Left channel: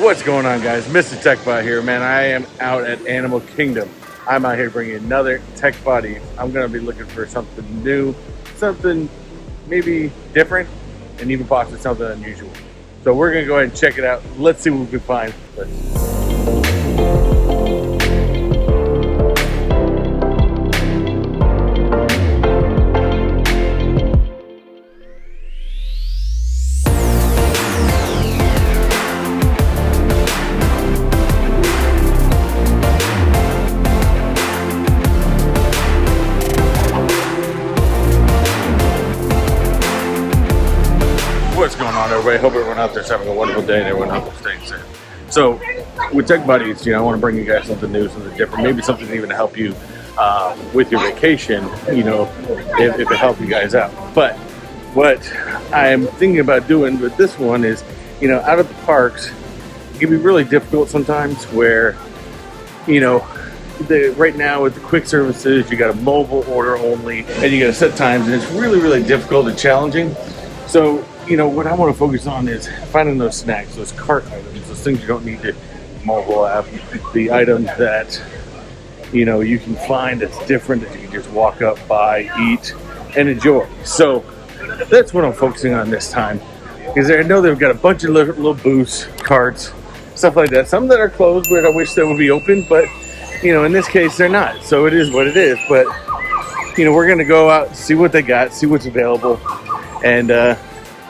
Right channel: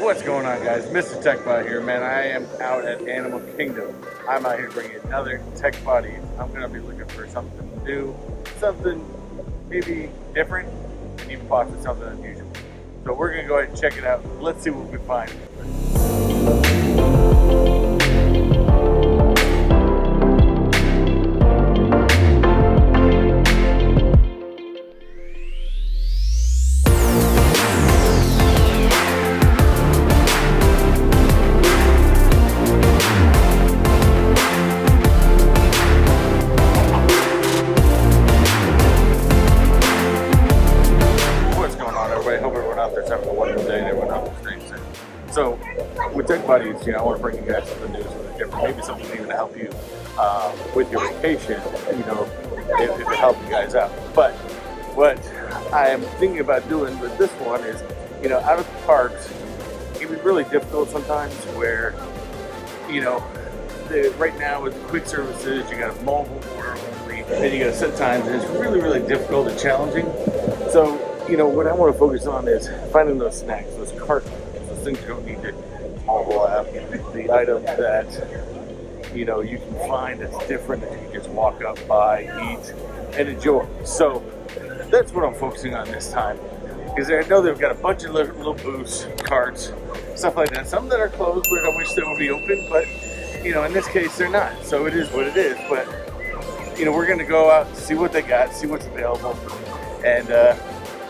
What's going on, guys? Mr. Techbot here, man. I am out at Animal Kingdom. I'm out here bringing another Techbot Eats. I'm going to be looking for something new, something maybe different, and even possibly something unusual. So we're going to go ahead and check it out. Let's see what we can find. What's going on, everybody? Hope everyone out there's having a wonderful day and everyone out there staying safe. So, with Techbot Eats, I want to bring you guys something new, something different, maybe something even to help you with your vacation, if it helps you guys out. But what I'm thinking about doing with this one is, out of the parks, it can be really difficult sometimes where, right now with the quick services, you got a mobile order only, and you got to set times, and it's really, really difficult and challenging. So, what I want to focus on is finding those snacks, those cart items, those things you don't need to mobile app, the items that, you can find that's different, that you can just walk up, buy, eat, and enjoy. So that's what I'm focusing on this time, because I know they've got a bunch of little booths, carts, stuff like that. Some that are closed, but I wish they would be open, but, in this case, they're not. So it is what it is. But, we're going to go out, see what they got, see what's available, and,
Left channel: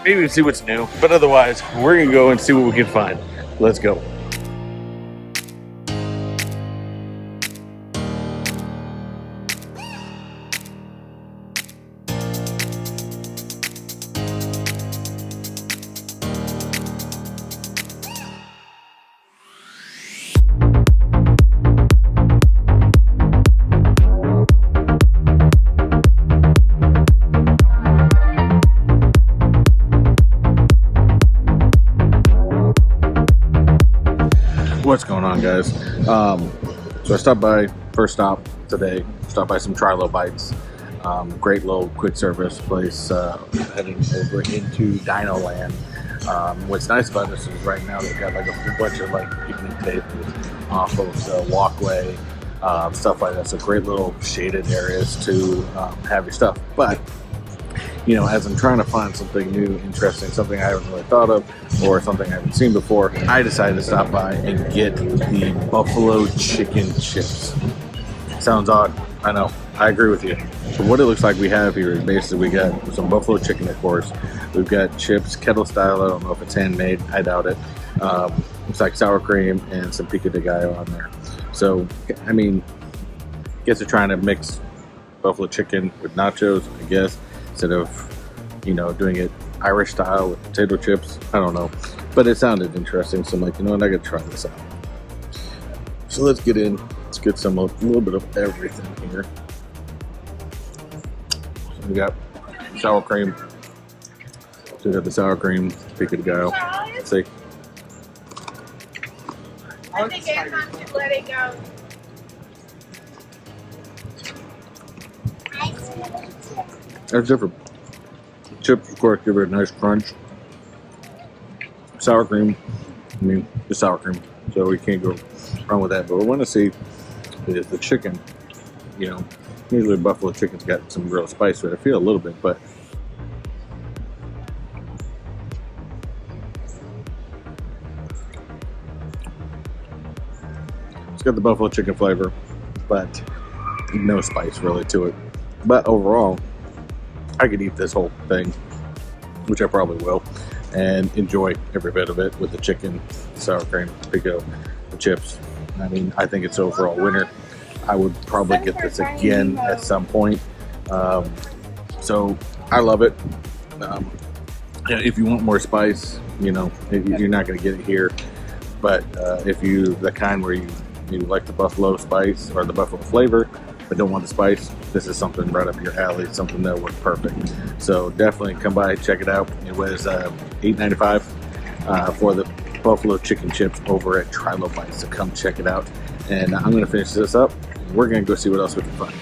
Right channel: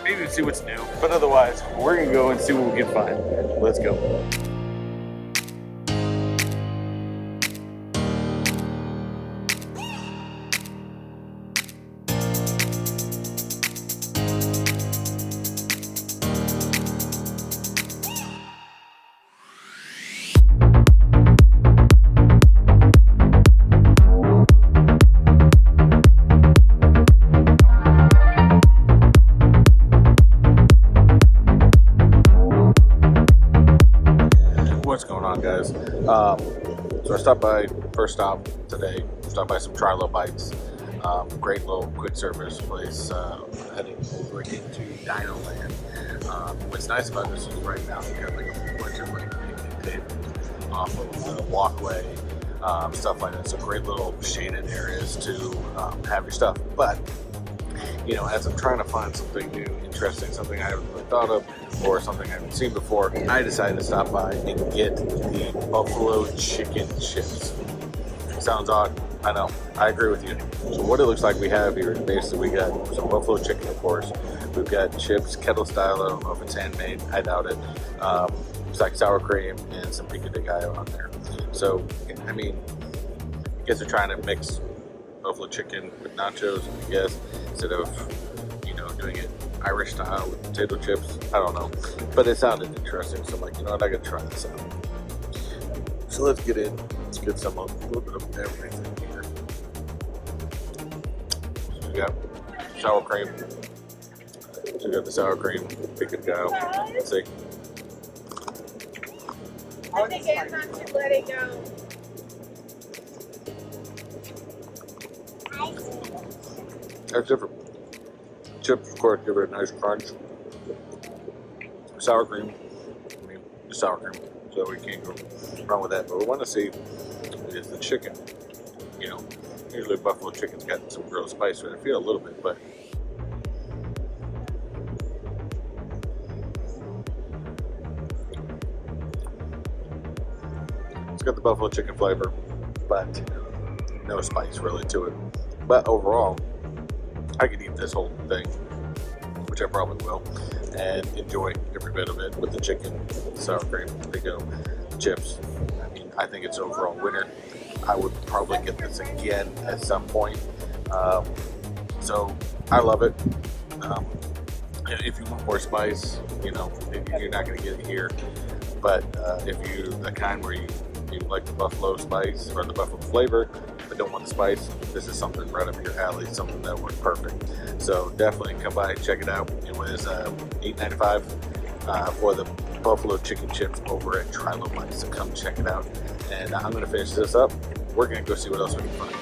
maybe see what's new, but otherwise, we're gonna go and see what we can find. Let's go. What's going on, guys? So I stopped by, first stop today, stopped by some Trilo Bites. Great little quick service place heading over into Dino Land. What's nice about this is right now they've got like a whole bunch of like picnic tables off of the walkway, stuff like that. So great little shaded areas to have your stuff. But as I'm trying to find something new, interesting, something I haven't really thought of, or something I haven't seen before, I decided to stop by and get the buffalo chicken chips. Sounds odd, I know, I agree with you. So what it looks like we have here is basically we got some buffalo chicken, of course. We've got chips, kettle style, I don't know if it's handmade, I doubt it. It's like sour cream and some pico de gallo on there. So, guess they're trying to mix buffalo chicken with nachos, I guess, instead of doing it Irish style with potato chips. I don't know, but it sounded interesting, so I'm like, I gotta try this out. So let's get in, let's get a little bit of everything here. So we got sour cream, so we got the sour cream, pico de gallo. Let's see. I think Anton should let it go. That's different. Chips, of course, give it a nice crunch. Sour cream, the sour cream, so we can't go wrong with that. But what I want to see is the chicken. Usually buffalo chicken's got some real spice to it. I feel a little bit, but it's got the buffalo chicken flavor, but no spice really to it. But overall, I could eat this whole thing, which I probably will, and enjoy every bit of it with the chicken, sour cream, pico, the chips. I think it's overall winner. I would probably get this again at some point. So I love it. If you want more spice, you're not going to get it here. But if you the kind where you like the buffalo spice or the buffalo flavor, but don't want the spice, this is something right up your alley, something that works perfect. So definitely come by, check it out. It was $8.95 for the buffalo chicken chips over at Trilo Bites. So come check it out. And I'm gonna finish this up. We're gonna go see what else we can find.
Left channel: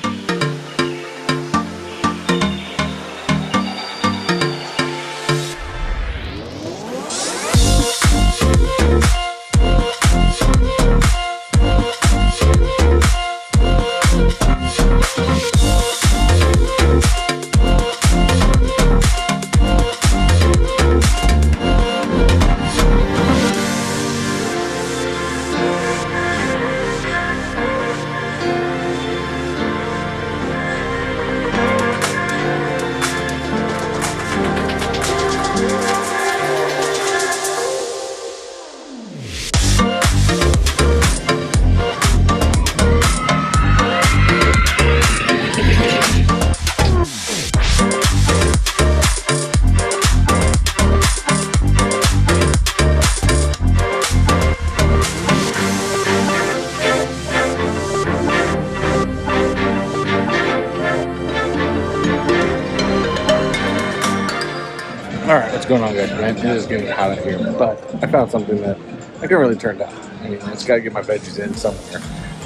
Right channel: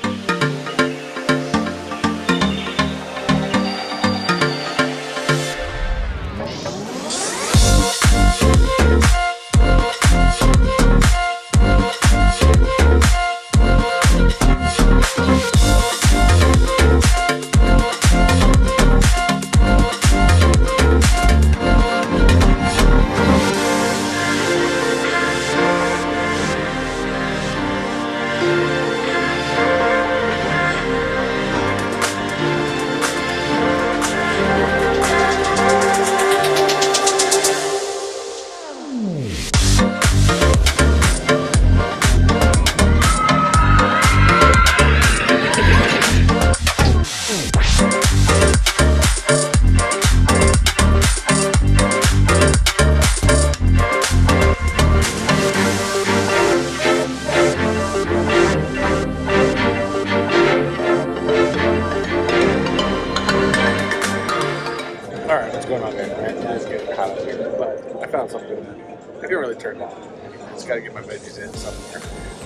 going on, guys? Man, it is getting hot out here, but I found something that I can really turn down. I mean, it's got to get my veggies in somewhere.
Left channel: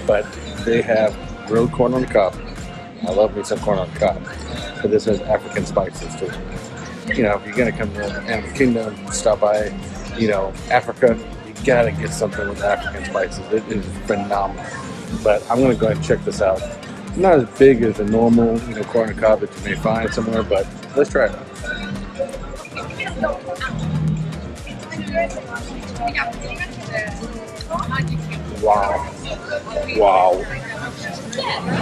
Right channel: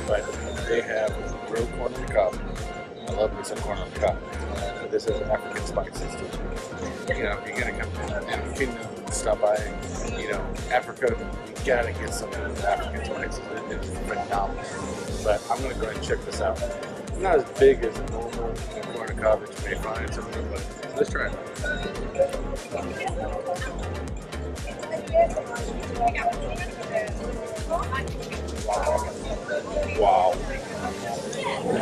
But they have grilled corn on the cob. I love me some corn on the cob. But this has African spices to it. You know, if you're gonna come to Animal Kingdom, stop by, you know, Africa, you gotta get something with African spices. It is phenomenal. But I'm gonna go ahead and check this out. It's not as big as a normal, you know, corn on the cob that you may find somewhere, but let's try it out. Wow. Wow.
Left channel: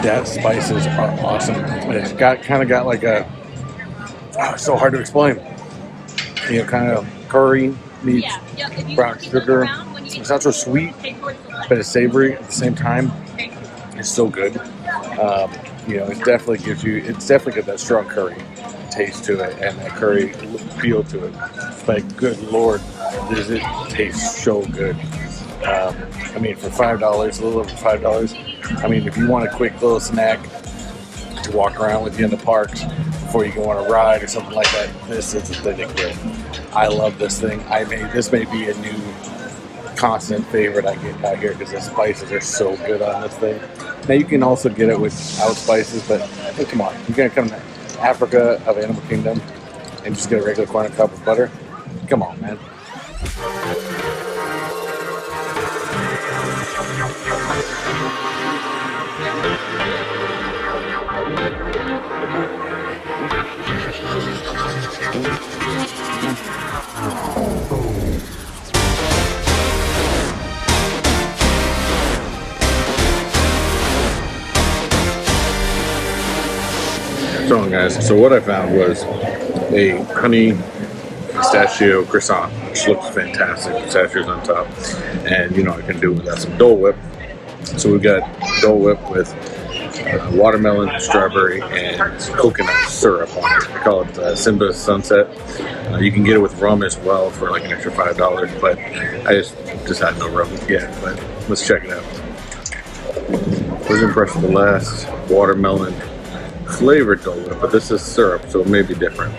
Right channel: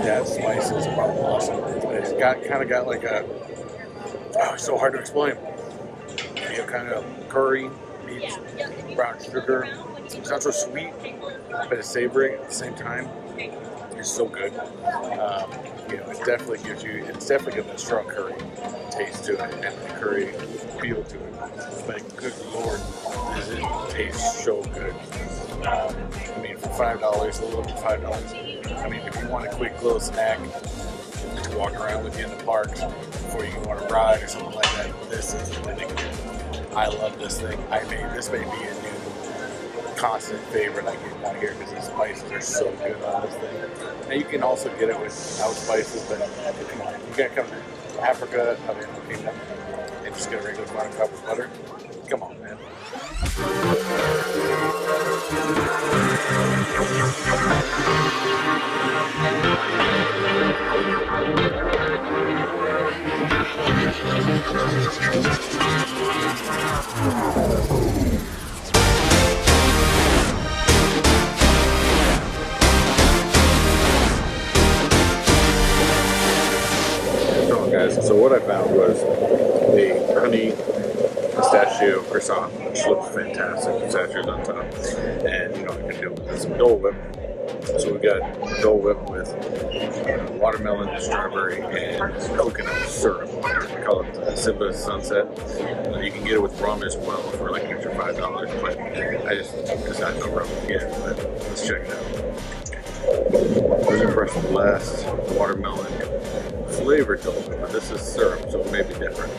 That spices are awesome. It's kind of got like a, oh, it's so hard to explain. You know, kind of curry meets brown sugar. It's not so sweet, but it's savory at the same time. It's so good. You know, it definitely gives you, it's definitely got that strong curry taste to it and that curry feel to it. But good Lord, does it taste so good. I mean, for $5, a little over $5, I mean, if you want a quick little snack to walk around with you in the parks before you go on a ride or something like that, this is the thing to get. I love this thing. This may be a new constant favorite I get out here because the spices are so good on this thing. Now you can also get it without spices, but hey, come on, you're gonna come to Africa of Animal Kingdom and just get a regular corn on the cob with butter? Come on, man. So guys, so what I found was a honey pistachio croissant, which looks fantastic. Pistachios on top, and you know I can do with that some Dole Whip. So we've got Dole Whip with watermelon, strawberry, and coconut syrup on it. I call it Simba Sunset. You can get it with rum as well for like an extra $5, but I just had no rum yet. But let's check it out. I was impressed with the last watermelon flavored Dole Whip, but this is syrup, so it may be different.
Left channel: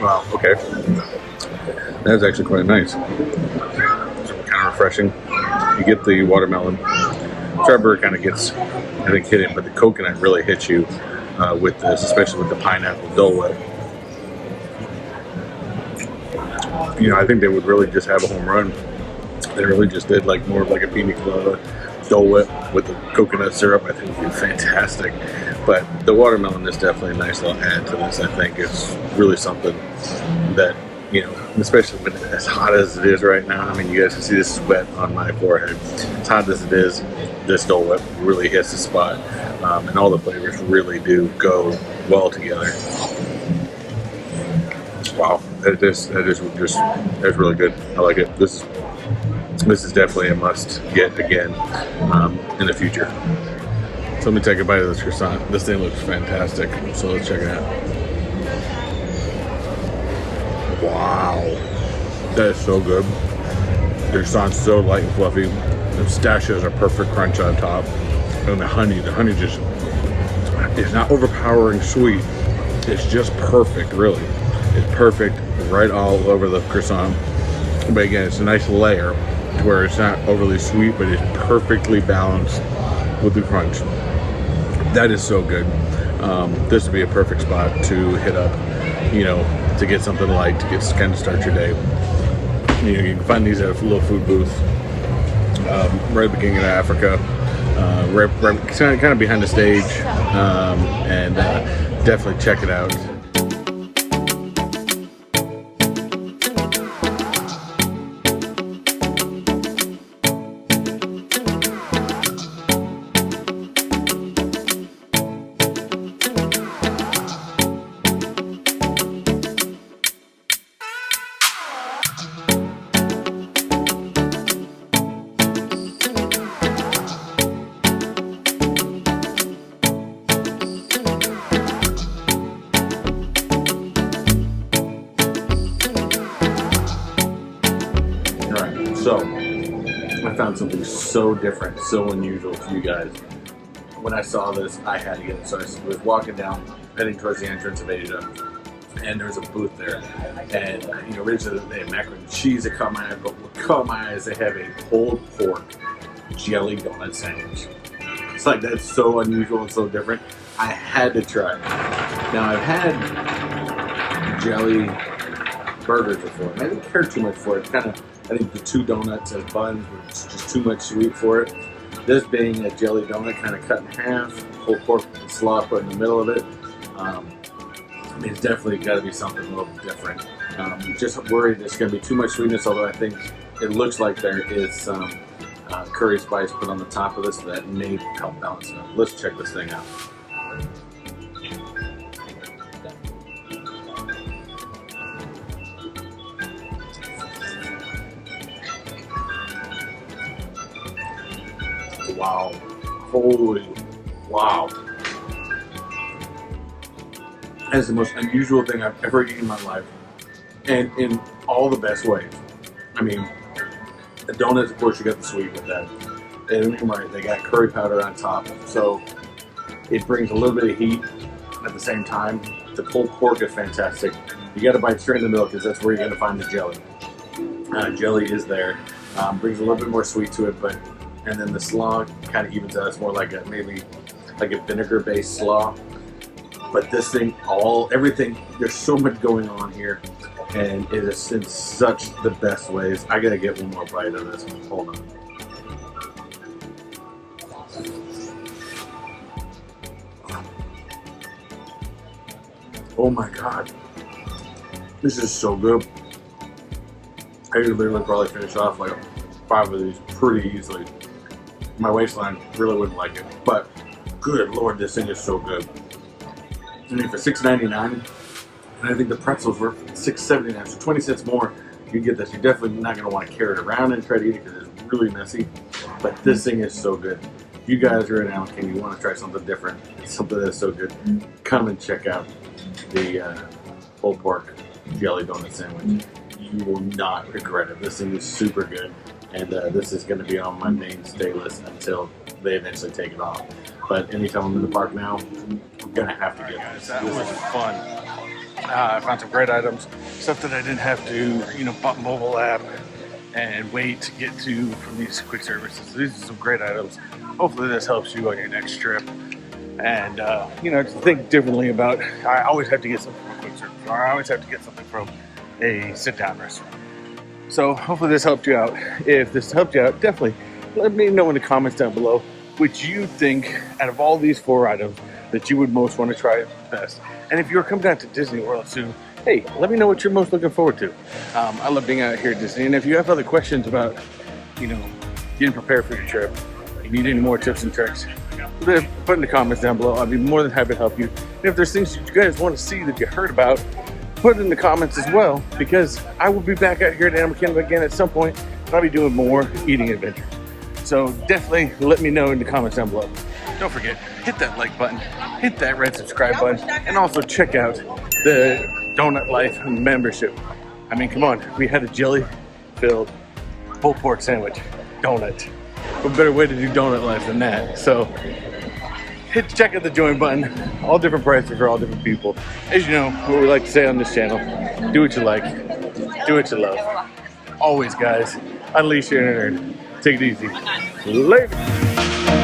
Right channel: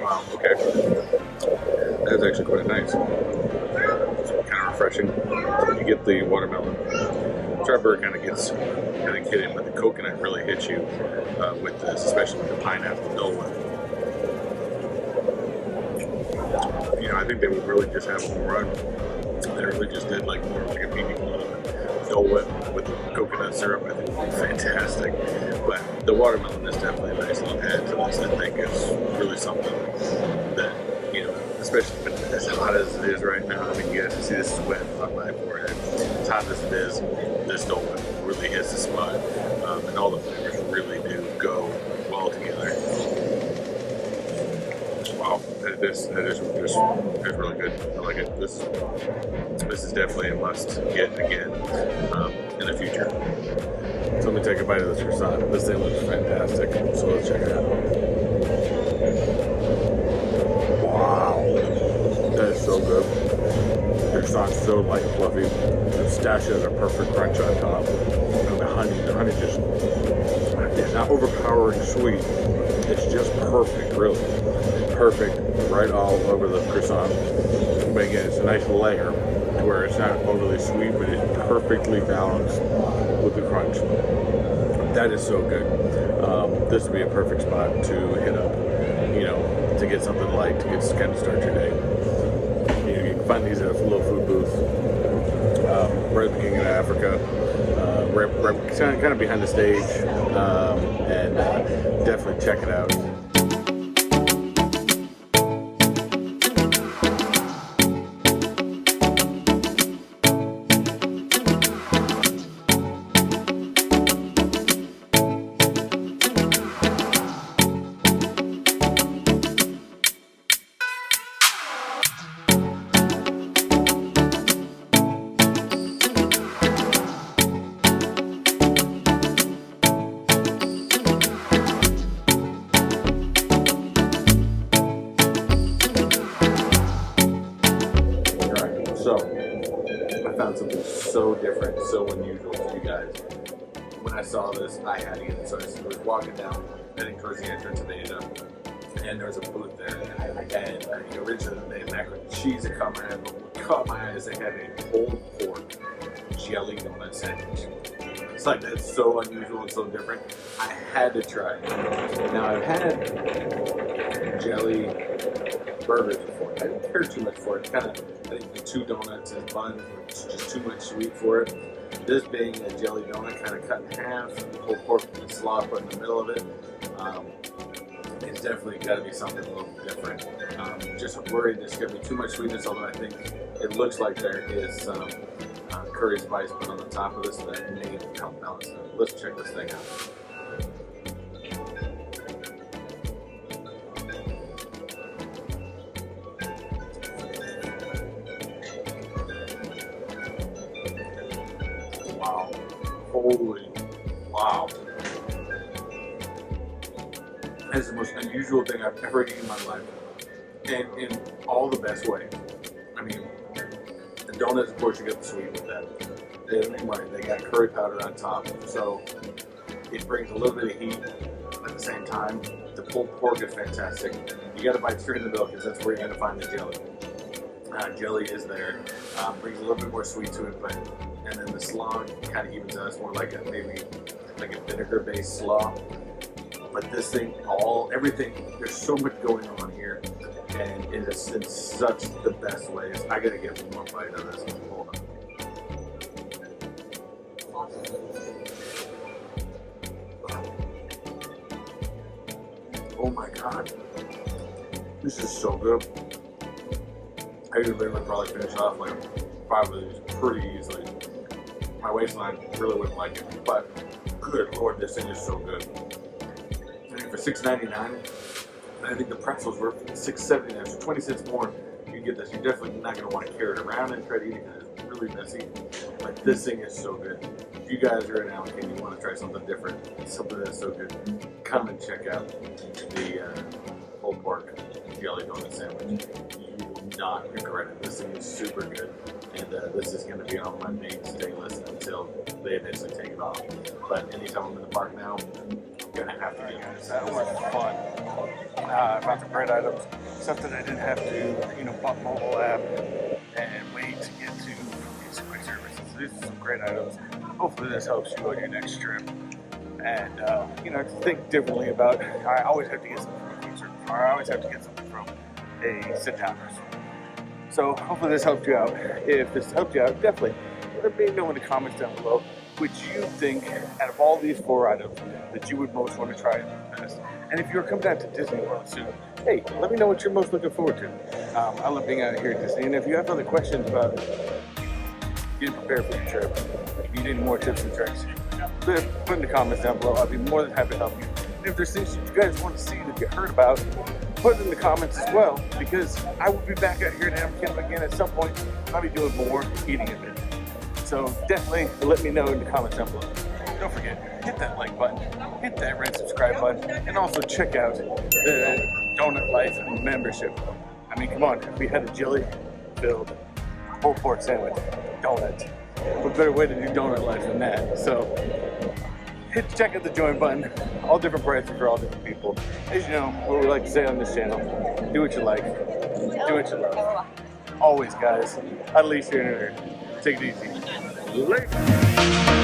Wow, okay. That's actually quite nice. Kind of refreshing. You get the watermelon. Strawberry kind of gets, I think, hit it, but the coconut really hits you with this, especially with the pineapple Dole Whip. You know, I think they would really just have a home run. They really just did like more of like a pina colada Dole Whip with the coconut syrup. I think would be fantastic. But the watermelon is definitely a nice little add to this. I think it's really something that, you know, especially when it's as hot as it is right now. I mean, you guys can see this sweat on my forehead. As hot as it is, this Dole Whip really hits the spot. And all the flavors really do go well together. Wow, that's really good. I like it. This is definitely a must get again in the future. So let me take a bite of this croissant. This thing looks fantastic. So let's check it out. Wow, that is so good. The croissant's so light and fluffy. The pistachios are perfect crunch on top, and the honey just is not overpowering sweet. It's just perfect, really. It's perfect right all over the croissant. But again, it's a nice layer to where it's not overly sweet, but it's perfectly balanced with the crunch. That is so good. This would be a perfect spot to hit up, you know, to get something light, to kind of start your day. You know, you can find these at a little food booth right at the beginning of Africa, right kind of behind the stage, and definitely check it out. So, I found something so different, so unusual for you guys. When I saw this, I had to get it. So I was walking down heading towards the entrance of Asia, and there was a booth there. And originally they had macaroni and cheese that caught my eye, but what caught my eye is they have a pulled pork jelly donut sandwich. It's like, that's so unusual and so different. I had to try it. Now, I've had jelly burgers before. I didn't care too much for it. It's kind of, I think the 2 donuts as buns were just too much sweet for it. This being a jelly donut, kind of cut in half, pulled pork slaw put in the middle of it. It's definitely got to be something a little different. Just worried there's going to be too much sweetness, although I think it looks like there is some curry spice put on the top of this that may help balance it up. Let's check this thing out. Wow. Holy wow. That is the most unusual thing I've ever eaten in my life. And in all the best ways. I mean, the donuts, of course, you got the sweet with that. And right, they got curry powder on top. So it brings a little bit of heat at the same time. The pulled pork is fantastic. You got to bite straight in the middle because that's where you're going to find the jelly. Jelly is there. Brings a little bit more sweet to it, and then the slaw kind of evens out. It's more like maybe like a vinegar-based slaw. But this thing, everything, there's so much going on here, and it is in such the best ways. I gotta get one more bite of this. Hold on. Oh my God, this is so good. I could literally probably finish off like 5 of these pretty easily. My waistline really wouldn't like it, but good Lord, this thing is so good. I mean, for $6.99, and I think the pretzels were $6.79, so 20 cents more, you get this. You're definitely not going to want to carry it around and try to eat it because it's really messy, but this thing is so good. If you guys are in Alabama, you want to try something different, something that's so good, come and check out the pulled pork jelly donut sandwich. You will not regret it. This thing is super good, and this is going to be on my mainstay list until they eventually take it off. But anytime I'm in the park now, I'm going to have to get this. That was fun. I found some great items, stuff that I didn't have to, pop mobile app and wait to get to from these quick services. These are some great items. Hopefully this helps you on your next trip. And, to think differently about, I always have to get something from a quick service, or I always have to get something from a sit-down restaurant. So hopefully this helped you out. If this helped you out, definitely let me know in the comments down below which you think, out of all these 4 items, that you would most want to try best. And if you're coming down to Disney World soon, hey, let me know what you're most looking forward to. I love being out here at Disney. And if you have other questions about, getting prepared for your trip, if you need any more tips and tricks, put in the comments down below. I'll be more than happy to help you. And if there's things you guys want to see that you heard about, put it in the comments as well, because I will be back out here at Animal Kingdom again at some point, and I'll be doing more eating adventures. So definitely let me know in the comments down below. Don't forget, hit that like button, hit that red subscribe button, and also check out the Donut Life membership. I mean, come on, we had a jelly-filled pulled pork sandwich, donut. What better way to do Donut Life than that? So check out the join button. All different prices for all different people. As you know, what we like to say on this channel, do what you like, do what you love. Always, guys, unleash your inner nerd. Take it easy. Later.